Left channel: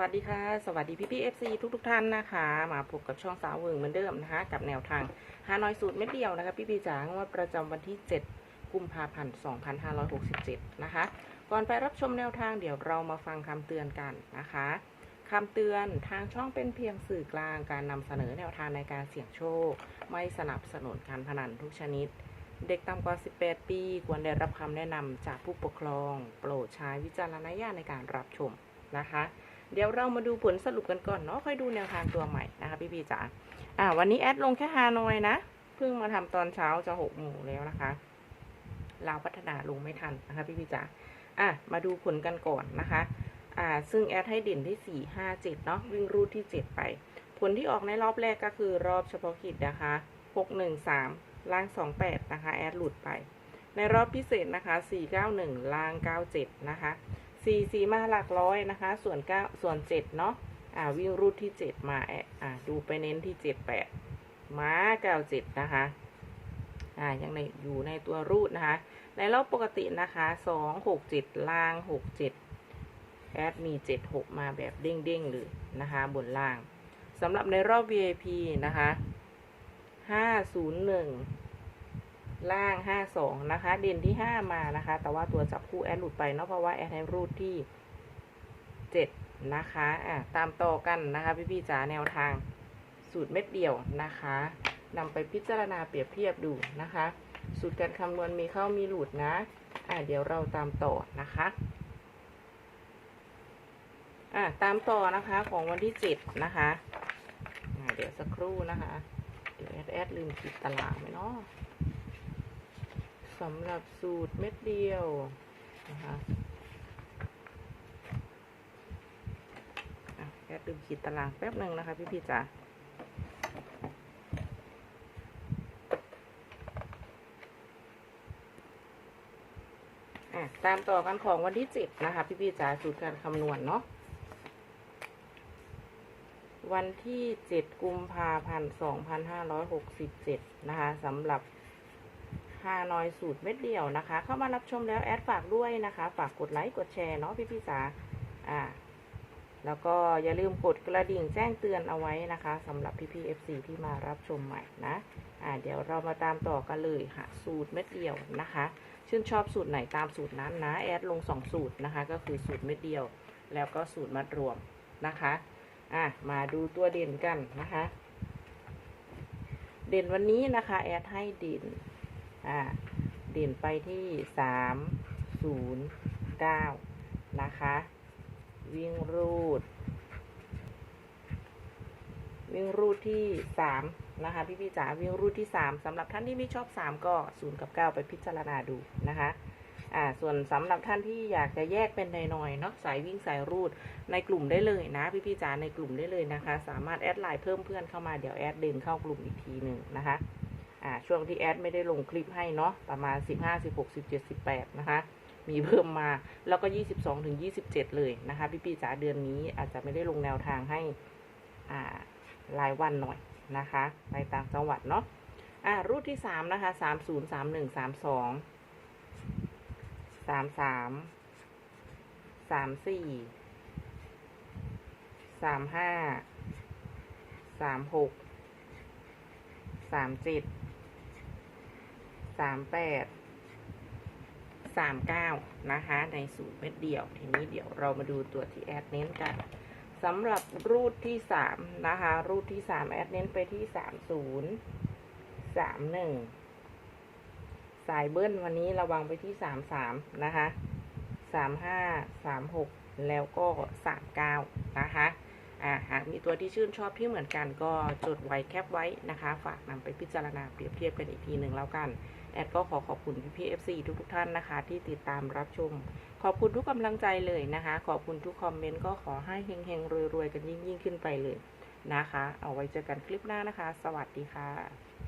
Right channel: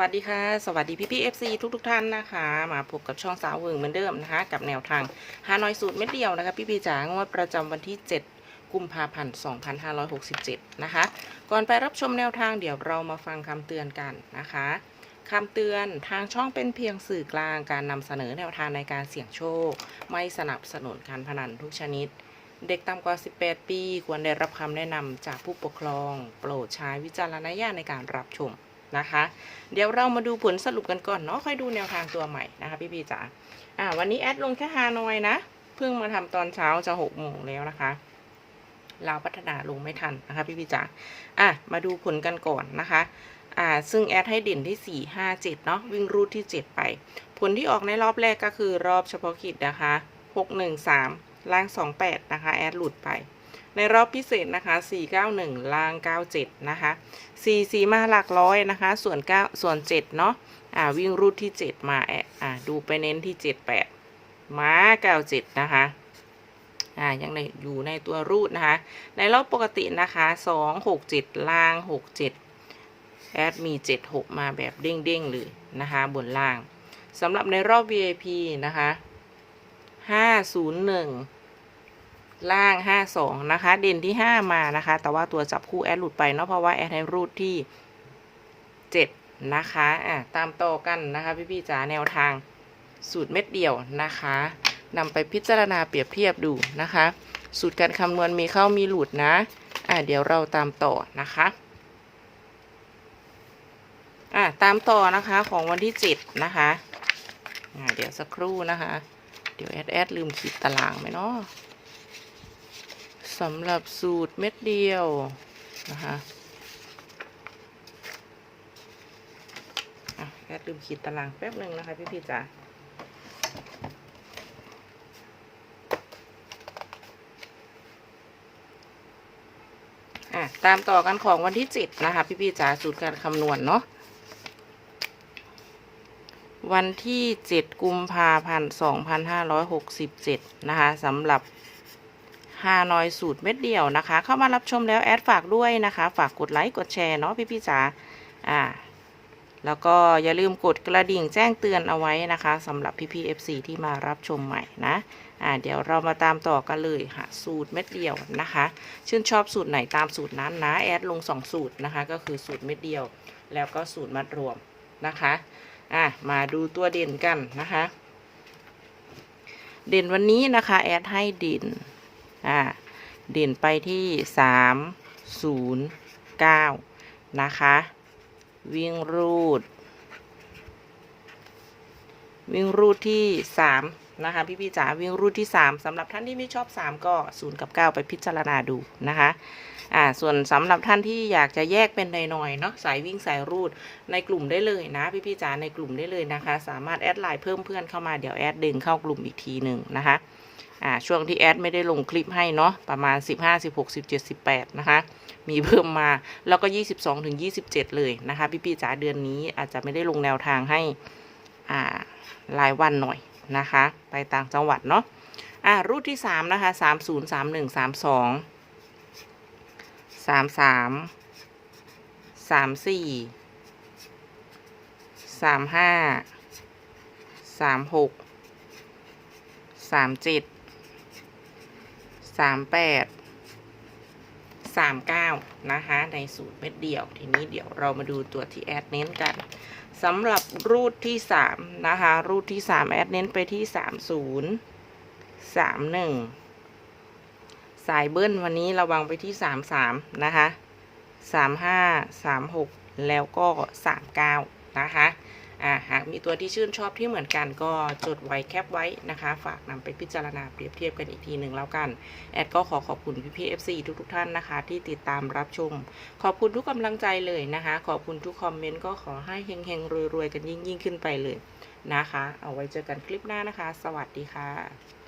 วัสดีค่ะ สวัสดีพี่พี่เอฟซีทุกทุกๆท่านนะคะ มาพบกับช่องสาวเวิงเหมือนเดิมนะคะ กับแนวทางฮานอยสูตรเม็ดเดียวนะคะ พี่พี่จ๋างวดประจำวันที่ 7 กุมภาพันธ์2567 นะคะ ก่อนไปรับชมแนวทางเดี๋ยวเรามาฟังคำเตือนกันนะคะคำเตือนทางช่องเป็นเพียงสื่อกลางการนำเสนอแนวทางในการเสี่ยงโชค ไม่สนับสนุนการพนันทุกชนิด เด็กต่ำกว่า 18 ปี ควรได้รับคำแนะนำจากผู้ปกครอง โปรดใช้วิจารณญาณในการรับชม นะคะ เดี๋ยวเรามาดูผลสรุปกันก่อนเนาะค่อยดูแนวทางตัวใหม่นะคะ พี่พีจ๋าอ่าวันนี้แอดลงแค่ฮานอยนะเพิ่งมาทำตอนเช้าจะหกโมงแล้วนะคะเราพัฒนาลงไม่ทันนะคะ พี่พีจ๋าอะมาดูผลกันก่อนนะคะ อ่า ซึ่งแอดให้เด่นที่ 4 5 7 เนาะวิ่งรูดที่ 7 ไป ผลที่ออกในรอบแรกก็คือรอบเฉพาะกิจนะคะ 6 1 3 ล่าง 28 นะคะ แอดหลุดไป ในรอบพิเศษนะคะ 491 ล่าง 97 นะคะ 4 4 มาหลักร้อยนะคะ ส่วน 9 ส่วน 7 เนาะอ่าวิ่งรูดที่ 7 มาแอะอ่าดูไปเน้นที่ 78 ม้า 97 นะคะอ่ายังในอยู่ในตัวรูดนะคะ ในรอบปกตินะคะ 2 6 7 ล่าง 67 แอดมี 76 มาแบบเด้งๆเลยนะคะ บนล่างสำหรับในรอบ VIP นะคะ 501 ล่าง 52 นะคะ เด่นที่ 5 มานะคะ แต่ว่าตัวจับคู่แอดหลุดไปเนาะ เพราะว่าแอดให้รูดที่ 7 นะคะ อะ ตามต่อกันนะคะ พี่ๆจ๋าแนวทางสูตรเม็ดเดียวนะคะนำไปพิจารณาเปรียบเทียบดูนะคะ สูตรการคำนวณมีเข้ามีหลุดนะ อะ เดี๋ยวเราตามต่อนะคะอะตามต่อนะคะของวันที่ 7 นะคะอะเดี๋ยวสักครู่นะคะ เดี๋ยวแอดแอดลืมขีดตารางไหมเนาะ สำหรับสูตรเม็ดเดียวนะคะแอดลืมขีดตารางแป๊บหนึ่งนะคะ พี่พี่จ๋าตามต่อกันของวันที่7นะคะ พี่พี่จ๋าสูตรการคำนวณเนาะวันที่ 7 กุมภาพันธ์ 2567 นะคะสำหรับ ฮานอยสูตรเม็ดเดียวนะคะ เข้ามารับชมแล้วแอดฝากด้วยนะคะ ฝากกดไลค์กดแชร์เนาะพี่พี่จ๋าอ่า แล้วก็อย่าลืมกดกระดิ่งแจ้งเตือนเอาไว้นะคะสำหรับพี่พี่ๆ FC ที่มารับชมใหม่นะอ่าเดี๋ยวเรามาตามต่อกันเลยค่ะสูตรเม็ดเดียวนะคะ ชื่นชอบสูตรไหนตามสูตรนั้นนะแอดลง 2 สูตรนะคะ ก็คือสูตรเม็ดเดียว แล้วก็สูตรมัดรวมนะคะอะมาดูตัวเด่นกันนะคะ เด่นวันนี้นะคะ แอดให้เด่น อ่าเด่นไปที่สามศูนย์เก้านะคะ วิ่งรูด วิ่งรูดที่สามนะคะ พี่พี่จ๋าวิ่งรูดที่สามสำหรับท่านที่ไม่ชอบสามก็ศูนย์กับเก้าไปพิจารณาดูนะคะอ่าส่วนสำหรับท่านที่อยากจะแยกเป็นหน่อยๆเนาะสายวิ่งสายรูดในกลุ่มได้เลยนะพี่พี่จ๋าในกลุ่มได้เลยนะคะ สามารถแอดไลน์เพิ่มเพื่อนเข้ามาเดี๋ยวแอดดึงเข้ากลุ่มอีกทีหนึ่งนะคะอ่าช่วงที่แอดไม่ได้ลงคลิปให้เนาะประมาณ 15 16 17 18 นะคะมีเพิ่มมาแล้วก็ 22ถึง27 เลยนะคะ พี่พี่ๆจ๋าเดือนนี้อาจจะไม่ได้ลงแนวทางให้ รายวันหน่อยนะคะ ไปต่างจังหวัดเนาะอ่ารูทที่3นะคะ30 31 32 33สามสี่สามห้าสามหกสามเจ็ดสามแปดสามเก้านะคะ ในสูตรเม็ดเดียว ทีนี้เดี๋ยวเรามาดูตัวที่แอดเน้นกัน สำหรับรูทที่สามนะคะรูทที่สามแอดเน้นไปที่สามศูนย์สามหนึ่งสายเบิ้ลวันนี้ระวังไปที่สามสามนะคะสามห้าสามหกแล้วก็สามเก้านะคะ หากมีตัวที่ชื่นชอบที่เหมือนกันก็จดไว้แคปไว้นะคะ ฝากนำไปพิจารณาเปรียบเทียบกันอีกทีหนึ่งแล้วกัน แอดก็ขอขอบคุณพี่พีเอฟซีทุกทุกๆท่านนะคะ ที่ติดตามรับชม ขอบคุณทุกกำลังใจเลยนะคะ ขอบคุณทุกคอมเมนต์ก็ขอให้เฮงๆรวยๆกันยิ่งยิ่งๆขึ้นไปเลยนะคะ เอาไว้เจอกันคลิปหน้านะคะ สวัสดีค่ะ